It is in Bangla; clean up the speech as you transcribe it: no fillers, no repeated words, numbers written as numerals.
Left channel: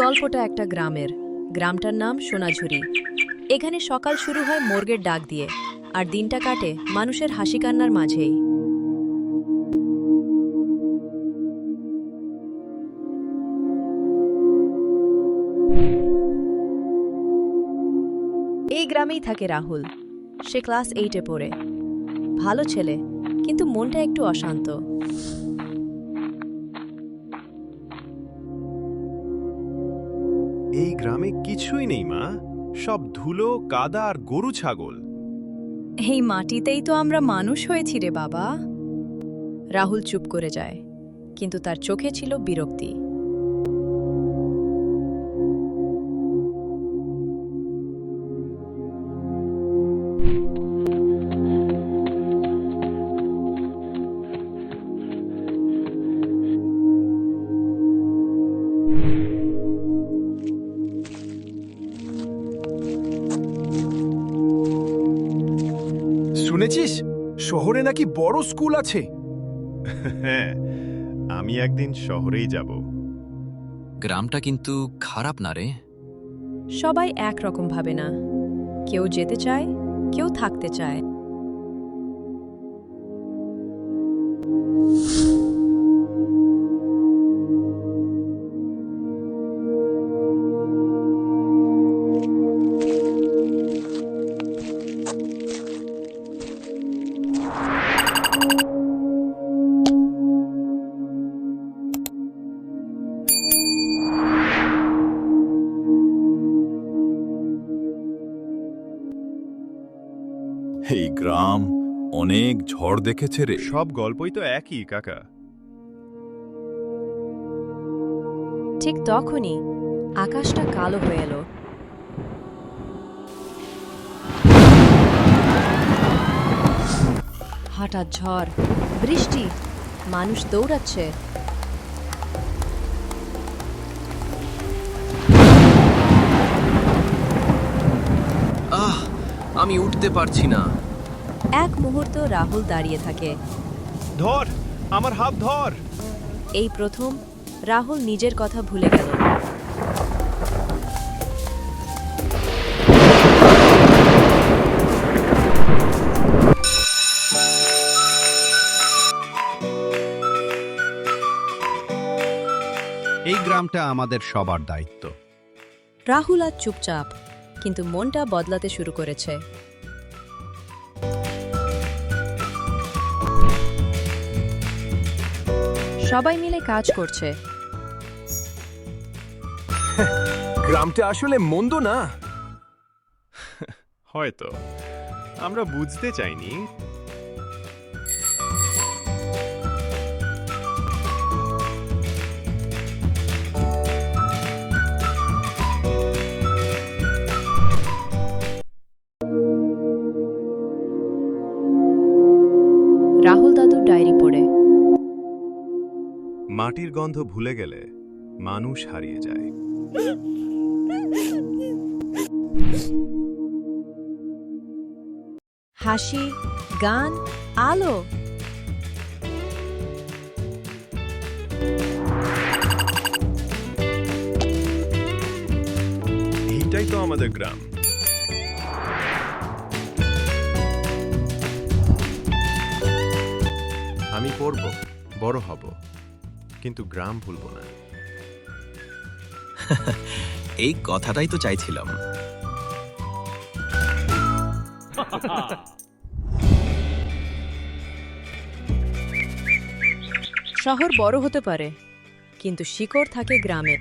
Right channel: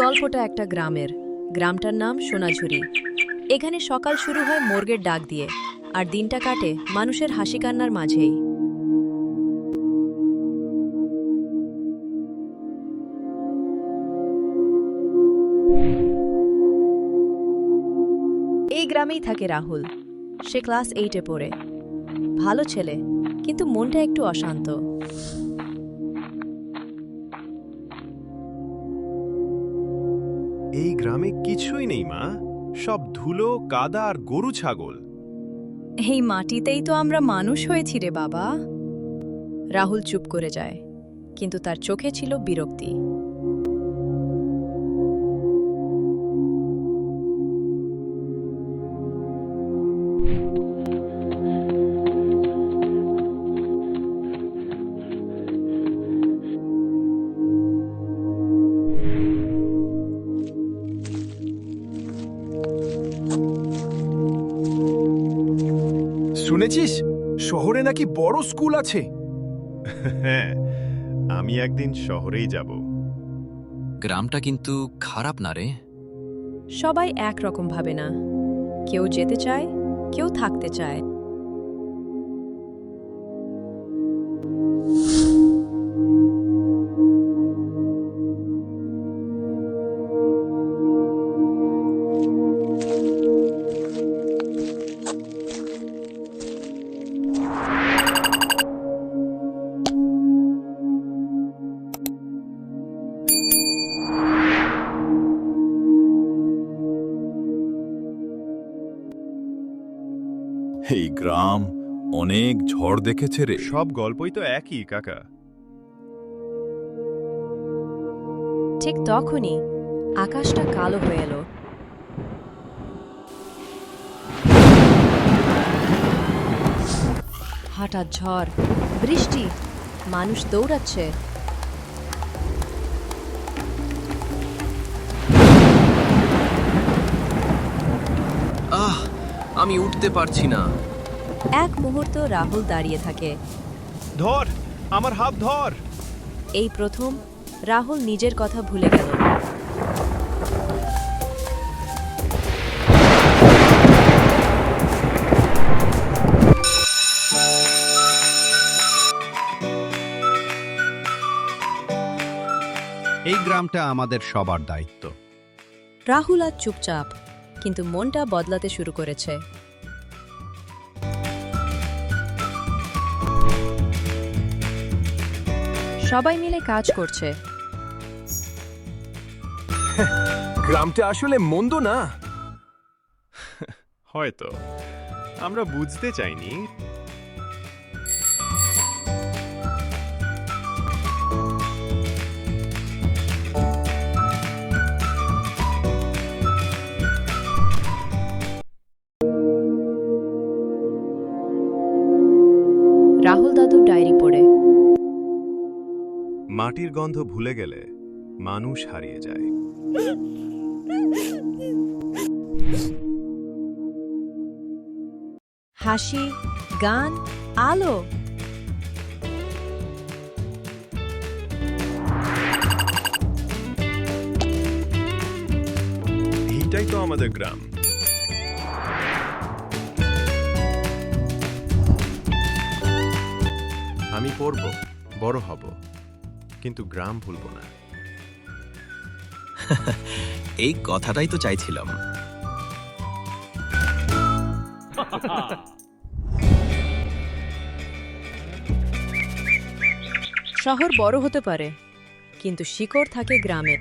গল্পটা একটা গ্রামের। গ্রামটার নাম সোনাঝুরি। এখানে সকাল শুরু হয় মোরগের ডাক দিয়ে, আর দিনটা কাটে মানুষের হাসি কান্নার মাঝেই। এই গ্রামেই থাকে রাহুল। সে ক্লাস 8-এ পড়ে। ভালো ছেলে, কিন্তু মনটা একটু অশান্ত। এই গ্রামে কিছুই নেই মা, সব ধুলো, কাদা আর গরু ছাগল। এই মাটিতেই তো আমরা মানুষ হয়েছি রে বাবা। রাহুল চুপ করে যায়, কিন্তু তার চোখে ছিল বিরক্তি। শুনেছিস শহরে নাকি বড় স্কুল আছে? হ্যাঁ, আমি একদিন শহরেই যাব। গ্রামটা কিন্তু খারাপ না রে। সবাই একরকম ভাবে না। কেউ যেতে চায়, কেউ থাকতে চায়। এই গ্রাম অনেক ঝড় দেখেছে রে। সব গল্পই তো একই কাকা। ঠিক তখনই আকাশটা কালো হয়ে এলো। হঠাৎ ঝড়, বৃষ্টি, মানুষ দৌড়াচ্ছে। আমি উঠতে পারছি না। এক মুহূর্ত রাহুল দাঁড়িয়ে থাকে। ধর, আমার হাত ধর। এই প্রথম রাহুল নিজের কথা ভুলে গেল। এই গ্রামটা আমাদের সবার দায়িত্ব। রাহুল আজ চুপচাপ, কিন্তু মনটা বদলাতে শুরু করেছে। সবাই মিলে কাজ করছে। গ্রামটা আসলে মন্দ না। হয়তো আমরা বুঝতে চাইনি। রাহুল দাদুর ডায়েরি পড়ে। মাটির গন্ধ ভুলে গেলে মানুষ হারিয়ে যায়। হাসি, গান, আলো। এইটাই তো আমাদের গ্রাম। আমি পড়ব, বড় হব, কিন্তু গ্রাম ভুলব না। এই কথাটাই তো চাইছিলাম। শহর বড় হতে পারে, কিন্তু শিকড় থাকে গ্রামে।